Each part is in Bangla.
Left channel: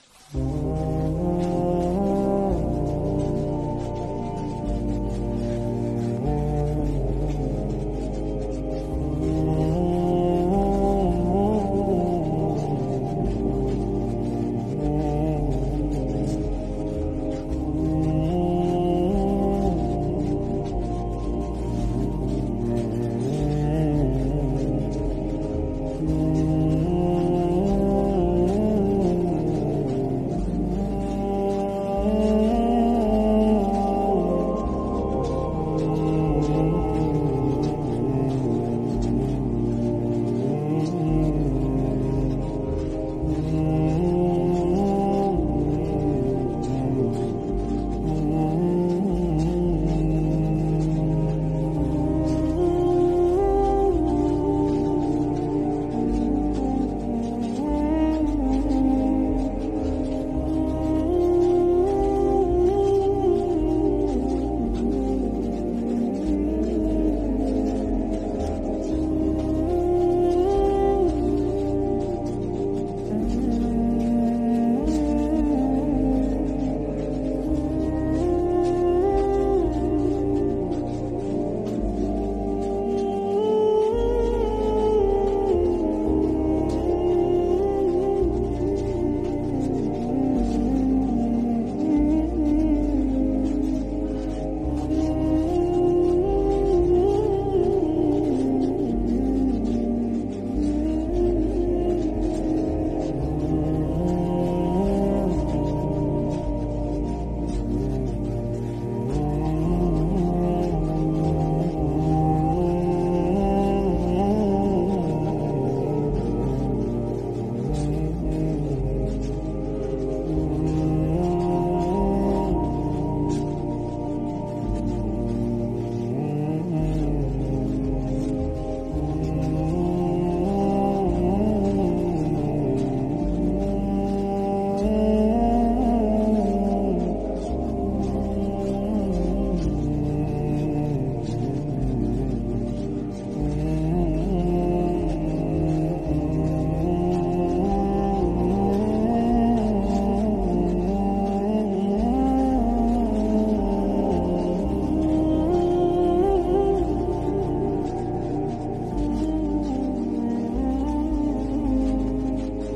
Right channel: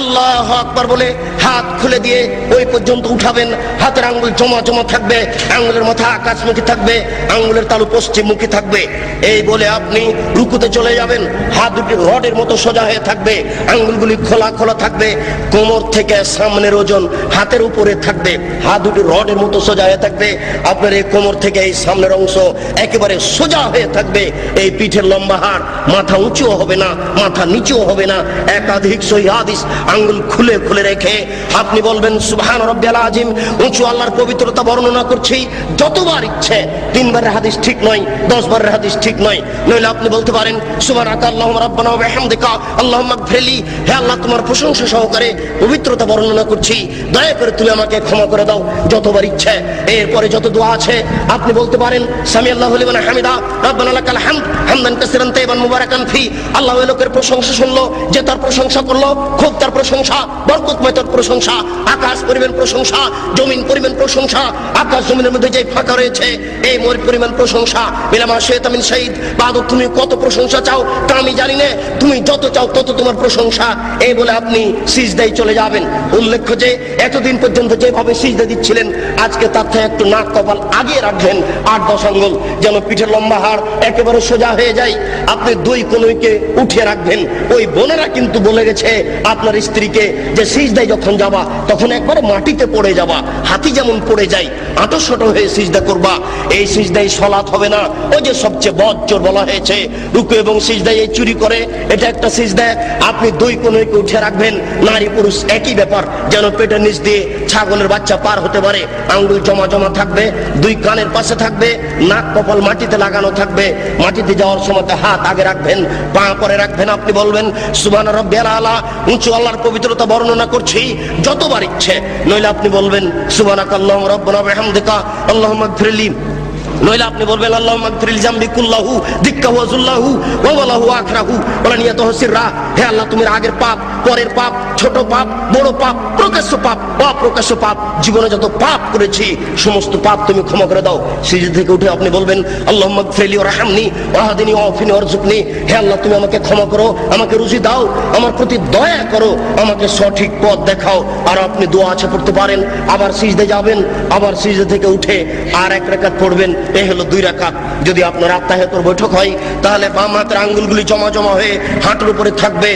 আল্লাহু আকবার বলে হাত খুলে দিয়ে ওই পর্যন্ত উঠাবেন। হাতের আঙ্গুল জমা জমা থাকবে, আঙ্গুলের মাথা আকাশমুখী থাকবে, আঙ্গুলের তালু পশ্চিমমুখী থাকবে। এই বলে আপনি রুকুতে চলে যাবেন। হাত দুটি রডের মতো সোজা হয়ে থাকবে, আঙ্গুলগুলি খোলা খোলা থাকবে। কোমর থেকে সামনের ওজন হাতের উপরে থাকবে, হাত দুটি রডের মতো সোজা হয়ে থাকবে। আপনার এই কোমর থেকে এই সামনের অংশ একেবারে সোজা হয়ে থাকবে। এই পিঠের লম্বা হাড়, মাথা উঁচুও হবে না, মাথা নিচুও হবে না। একাধিক সহিহ হাদিস আঙ্গুল খুলে খুলে রেখে আপনি বলবেন সুবহান রাব্বিয়াল আযীম। উঁচু আল্লাহর পবিত্রতা বর্ণনা করছি যতবার ইচ্ছে। 3 বারের হাদিস ঠিক নয়, 10 বারের হাদিস ঠিক নয়। নইলে আপনি বলতে পারেন সুবহানাকা আল্লাহুম্মা রাব্বানা ওয়া বিহামদিকা আল্লাহুম্মা গফিরলি। হে আল্লাহ, তোমার প্রশংসা সহকারে পবিত্রতা বর্ণনা করছি, দয়া করে তুমি আমাকে ক্ষমা করে দাও, যতবার ইচ্ছে। এরপরে যত দোয়া আছে আপনি বলতে পারেন সামি আল্লাহু লিমান হামিদা রাব্বানা লাকাল হামদ হামদান কাসীরান তাইয়িবান মুবারাকান ফি। আল্লাহ ওই লোকের প্রশংসা শুনলো যে তার প্রশংসা করলো, খুব তার প্রশংসা, বরকতময় তার প্রশংসা। আকাশ পরিমাণ প্রশংসা, জমিন পরিমাণ প্রশংসা, আকাশ জমিনের মধ্যে যে ফাঁকা রয়েছে এই পরিমাণ প্রশংসা। বিলামা শেত আমিন শহীদ বাদ, তুমি কত প্রশংসা চাও তা আমি জানি না, তুমি যত চাও তত তোমার প্রশংসা। এই বলে আপনি সিজদায় চলে যাবেন। উল্লেখ্য যে এতদিন পর্যন্ত যেভাবে সিজদা দিচ্ছিলেন, আজকে তার থেকে একটু নাক কপাল আগিয়ে রাখবেন 8-10 আঙ্গুল, যেন পিঠের লম্বা হাড় একেবারে সোজা হয়ে যায়। আপনি 2 কনুইকে উঠিয়ে রাখবেন। ওই বোনেরা কিন্তু বলে গেছে আপনার স্ত্রীকে যে সিজদায় যখন যাবা তখন একবারে মাটিতে পড়ে যাবা, হাতি যেমন পড়ে যায় আঁটো হয়ে সিজদা করবা। এই সিজদায় সালাত হবে না। ওই যে সবচেয়ে বজ্জর বলা হয়েছে রুকু এবং সিজদায় এই চুরি করে, এটা একটা সিজদা। আপনি 2 কনুইকে উঠে রাখবেন। নারী পুরুষ একই ব্যাপার, যেন পেটের নিচ দিয়ে ছাগলের বাচ্চা পার হতে পারে। আঙ্গুল জমা জমা থাকবে, 2 কানের পাশে থাকবে, নাক কপাল মাটিতে লাগানো থাকবে। মাটিতে যাওয়ার সময় হাত আগে রাখবেন, পা পরে রাখবেন। আপনি বলবেন সুবহান রাব্বিয়াল আলা। উঁচু আল্লাহর পবিত্রতা বর্ণনা করছি যতবার ইচ্ছে। নইলে আপনি বলবেন সুবহানাকা আল্লাহুম্মা রাব্বানা ওয়া বিহামদিকা আল্লাহুম্মা গফিরলি। নইলে আপনি বলবেন আল্লাহুম্মা গফিরলি জামবি কুল্লাহু দিক্কাহু ওয়া যুল্লাহু ওয়া ওয়ালাহু আখরাহু ওয়া নিয়াতুহু সিররা। হে আল্লাহ, তুমি আগের পাপ, পরের পাপ, ছোট পাপ, বড় পাপ, প্রকাশ্য পাপ, অপ্রকাশ্য পাপ, জীবনে যত পাপ করেছি সমস্ত পাপ তুমি ক্ষমা করে দাও। সিজদা থেকে উঠে আপনি বলবেন আল্লাহুম্মা গফিরলি ওয়ারহামনি ওয়াহদিনি ওয়াফিনি ওয়ারযুকনি। হে আল্লাহ, তুমি আমাকে ক্ষমা করো, আমাকে রুজি দাও, আমার প্রতি দয়া করো, আমাকে সঠিক পথ দেখাও। আর আপনি দোয়া আছে পড়তে পারেন। আবার সিজদা যাবেন, আবার সিজদা থেকে উঠে আর 1 রাকাত পড়বেন। এই হলো 2 রাকাত। যদি আপনার আত্তাহিয়াতুর বৈঠক হয় তাহলে বাম হাতের আঙ্গুলগুলি জমা জমা হয়ে হাঁটুর উপরে থাকবে,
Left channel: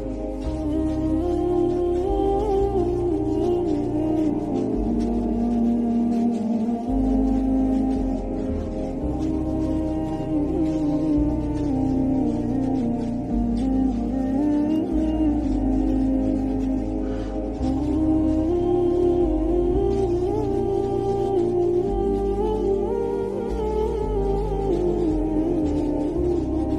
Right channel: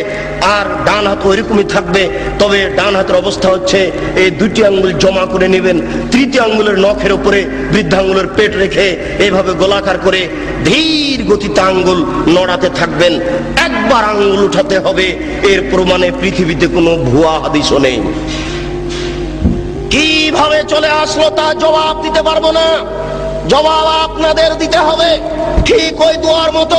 আর ডান হাত ওইরকমই থাকবে। তবে ডান হাতের অবস্থা হচ্ছে এই 2টি আঙ্গুল জমা করে নেবেন, 3টি আঙ্গুলের নখের উপরে বৃদ্ধাঙ্গুলের পেট রেখে এইভাবে গোলাকার করে ধীর গতিতে আঙ্গুল নড়াতে থাকবেন। একবার আঙ্গুল উঠাতে হবে। এর প্রমাণে পৃথিবীতে কোনো ভুয়া হাদিসও নেই। কিভাবে চলে আসলো তা জবাব দিতে পারবো না, জবাব আপনাদের দিতে হবে। ঠিক ওই দোয়ার মতো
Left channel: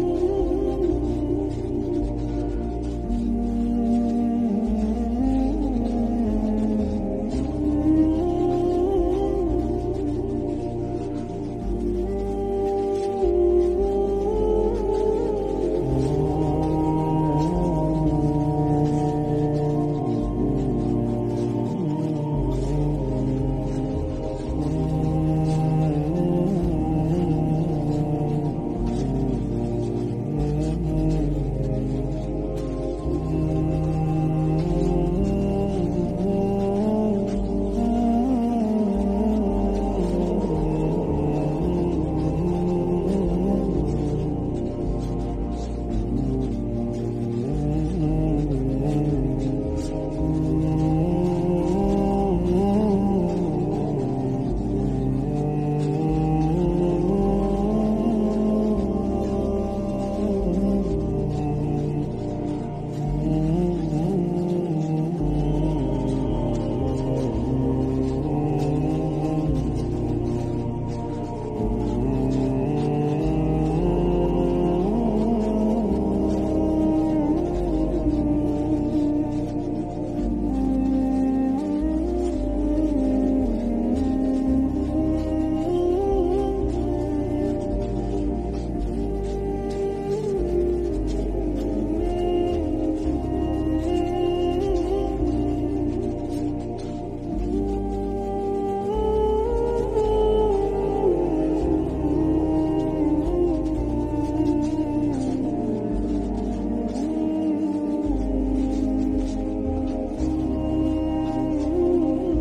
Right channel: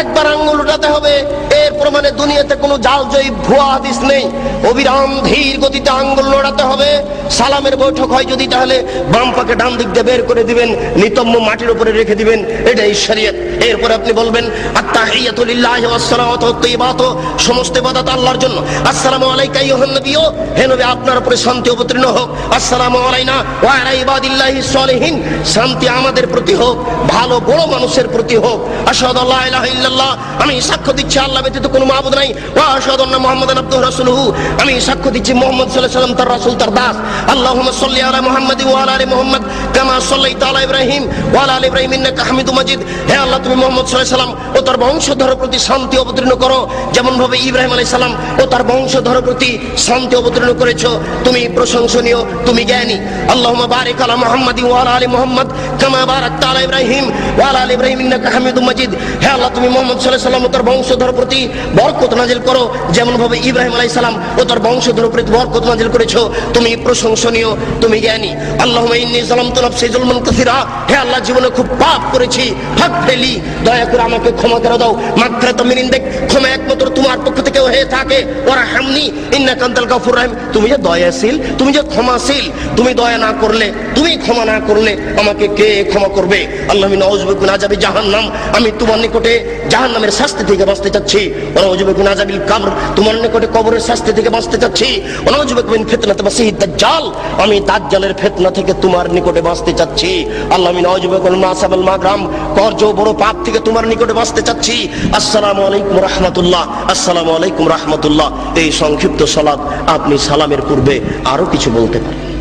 একবার আঙ্গুল উঠাতে হবে। এর প্রমাণে দুনিয়াতে কোনো জালজয়ী ভুয়া হাদিস নেই। অবিরাম ধীর গতিতে আঙ্গুল নড়াতে হবে। সালামের বৈঠক হয় যদি, তাহলে বাম পাকে ডান দিক দিয়ে বের করে দিবেন, নিতম্ব মাটির উপরে রেখে দিবেন। এটাই শরীয়ত। এরপরে আপনি বলবেন আত্তাহিয়াতু লিল্লাহি ওয়াস সালাওয়াতু ওয়াত তাইয়্যিবাতু, সমস্ত ইবাদত আল্লাহর জন্য। আসসালামু আলাইকা আইয়ুহান নবিয়্যু, হে নবী আপনার উপরে শান্তি অবতীর্ণ হোক। আসসালামু আলাইনা ওয়া আলা ইবাদিল্লাহিস সালিহিন, শান্তি আমাদের প্রতি হোক, ভালো বড় মানুষের প্রতি হোক। আশহাদু আল্লা ইলাহা ইল্লাল্লাহ, আমি সাক্ষ্য দিচ্ছি আল্লাহ ব্যতীত কোনো মাবুদ নাই। ওয়া আশহাদু আন্না মুহাম্মাদান আবদুহু ওয়া রাসূলুহু, আমি সাক্ষ্য দিচ্ছি মুহাম্মদ সাল্লাল্লাহু আলাইহি ওয়াসাল্লাম তার রাসূল, তার দাস। আল্লাহুম্মা সাল্লি আলা মুহাম্মাদ ওয়া আলা আলি মুহাম্মাদ কামা সাল্লাইতা আলা ইব্রাহিম ওয়া আলা আলি ইব্রাহিম ইন্নাকা হামিদুম মাজিদ। হে আল্লাহ, তুমি মুহাম্মদ সাল্লাল্লাহু আলাইহি ওয়াসাল্লাম ও তার বংশধরের প্রতি শান্তি অবতীর্ণ করো, যেমন ভাবে ইব্রাহিম আলাইহিস সালাম ও তার বংশধরের প্রতি শান্তি অবতীর্ণ করেছো। তুমি প্রশংসনীয়, তুমি জ্ঞানী। আল্লাহুম্মা বারিক আলা মুহাম্মাদ ওয়া আলা আলি মুহাম্মাদ কামা বারাকতা আলা ইব্রাহিম ওয়া আলা আলি ইব্রাহিম ইন্নাকা হামিদুম মাজিদ। হে আল্লাহ, তুমি মুহাম্মদ সাল্লাল্লাহু আলাইহি ওয়াসাল্লাম ও তার বংশধরের প্রতি বরকত নাজিল করো, যেমন ভাবে ইব্রাহিম আলাইহিস সালাম ও তার বংশধরের প্রতি বরকত নাজিল করেছো। তুমি প্রশংসনীয়, তুমি জ্ঞানী। আল্লাহুম্মা ইন্নী যালামতু নাফসি যুলমান কাসীরা, হে আল্লাহ, জীবনে খুব পাপ করেছি, ফাগফিরলি, দয়া করে আমাকে ক্ষমা করে দাও। মাগফিরাতাম মিন ইনদিক, ক্ষমা একমাত্র তোমার পক্ষ থেকে হয়ে থাকে। ওয়ারহামনি ইন্নাকা আনতাল গাফুর রাহিম, তুমি যে দয়াশীল, তুমি যে ক্ষমাশীল, তুমি দয়া না করলে, তুমি ক্ষমা না করলে আমাকে কে ক্ষমা করবে? আল্লাহ মিন আউযু বিকা মিন আযাবি জাহান্নাম, আমি তোমার নিকটে জাহান্নামের শাস্তি থেকে বাঁচতে চাচ্ছি। ওয়া নাউযু বিকা মিন আযাবিল কবর, তোমার নিকটে কবরের শাস্তি থেকে বাঁচতে চাচ্ছি। ওয়া নাউযু বিকা মিন ফিতনাতিল মাসিহিদ দাজ্জাল, আমি দাজ্জালের ফিতনা থেকে তোমার নিকটে বাঁচতে চাচ্ছি। আল্লাহ আমি নাউযু বিকা মিন মাসাবাল মাগরাম, কর্জ বড় পাপ থেকে তোমার নিকটে বাঁচতে চাচ্ছি। আসসালামু আলাইকুম রাহমাতুল্লাহ, আসসালামু আলাইকুম রাহমাতুল্লাহ। এই সংক্ষিপ্ত সালাত আপনি সালামের পূর্বে আরো কিছু বলতে পারেন।